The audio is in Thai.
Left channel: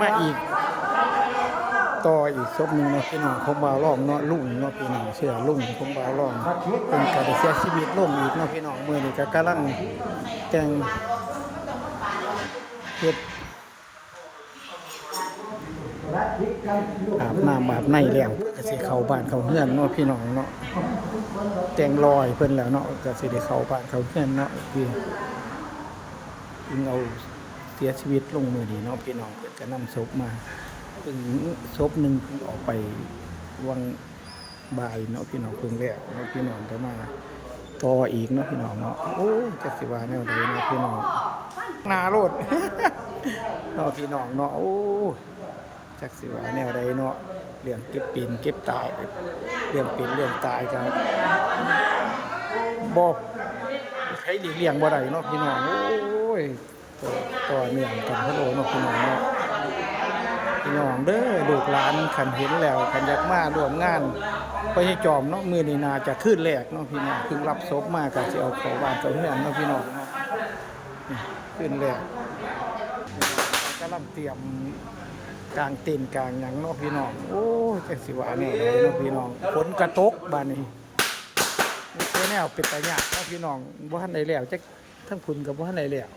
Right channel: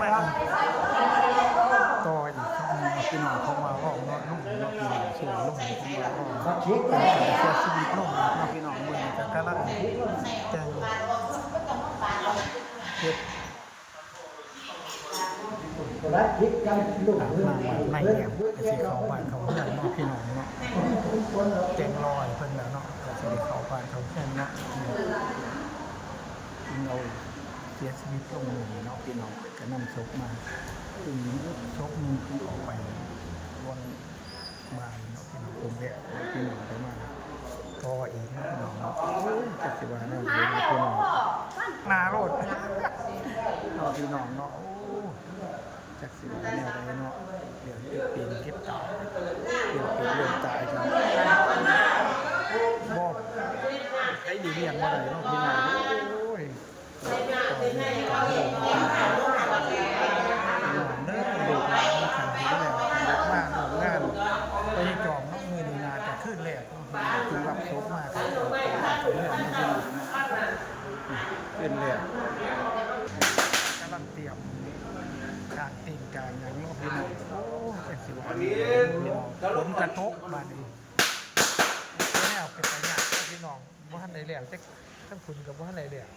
มาอีกต่ออีกศพหนึ่งนะพี่น้องผมว่าร้องเนาะลุงเนาะพี่น้องเชื่อลุงผมว่าร้องเป็นการเสียชีวิตลงอีกเนาะพี่น้องเมื่อนี้ก็กำลังแต่งเฮ็ดอาบน้ำอาบในแล้วก็สิเข้าบ้านเข้าเรือนเนาะพี่น้องเนาะแต่งรอยเพิ่นแล้วเนาะก็สิได้เข้าบ้านเข้าเรือนเนาะพี่เอาเสียชีวิตลงมื้อนี้เนาะพี่น้องจะนำศพมาซึ่งศพหนึ่งออกไปวังบ่ายเนาะพี่น้องเพิ่งแล้วเนาะพี่น้องต่อมาต่ออีกเนาะพี่น้องเนาะโอ้จักสิว่าแนวใดเนาะพี่น้องหน้าโลด เนาะพี่น้องเนาะโอ้จักสิว่าแนวใดเนาะเรื่องเก็บปีนเก็บตายเรื่องเป็นเรื่องตายกันบ่ใช้หลีกเลี่ยงบ่ได้เนาะพี่น้องโอ้ยต่อเนื่องกันเขาเลยเนาะพี่น้องเนาะพี่น้องเด้อลูกหลานคันเห็นแล้วคันอยากมาร่วมงานไปให้จอมเนาะมื้อนี้น่าจะขึ้นแรกเนาะพี่น้องเพิ่งรับศพมาก็สิเอาไปบ้านไปเฮือนเนาะพี่น้องนะขึ้นแรกกำลังเตรียมกลางเต็นท์กลางหยังเนาะพี่น้องโอ้จักสิว่าแนวใดเนาะพี่น้องฝนกระตกบ้านนี้ตัวแนวเป็นตาญาติเนาะพี่น้องบ่ทันได้แล้วจักทั้งคุณกับบ่ทันได้แล้ว